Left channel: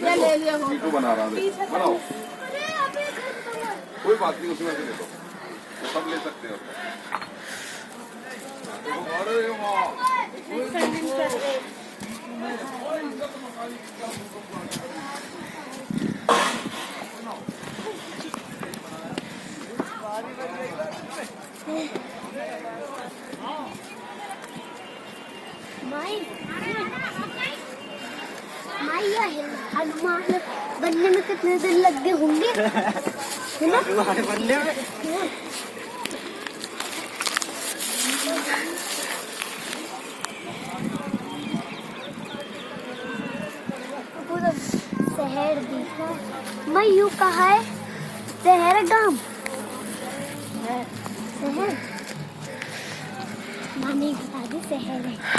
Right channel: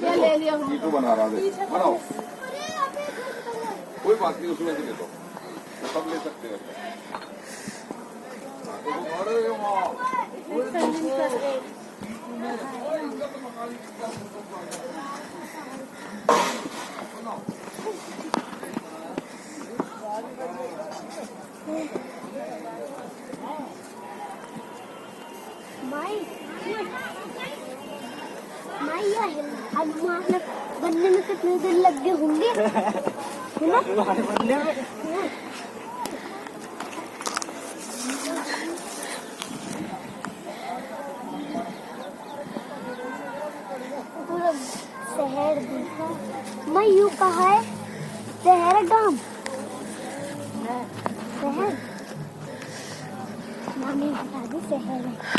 मीठू बना रहा है, बनाओ, कोई बात नहीं, उसमें से ले लो, तो सब ले सकते हो। अरे वाह, हनुमान बनने में कितने दिन लग गए होंगे, है ना? बनने में पूरा शहर देखा मैं, यूँ कहा है शहर गांव शहर, मामी बता दी शहर है।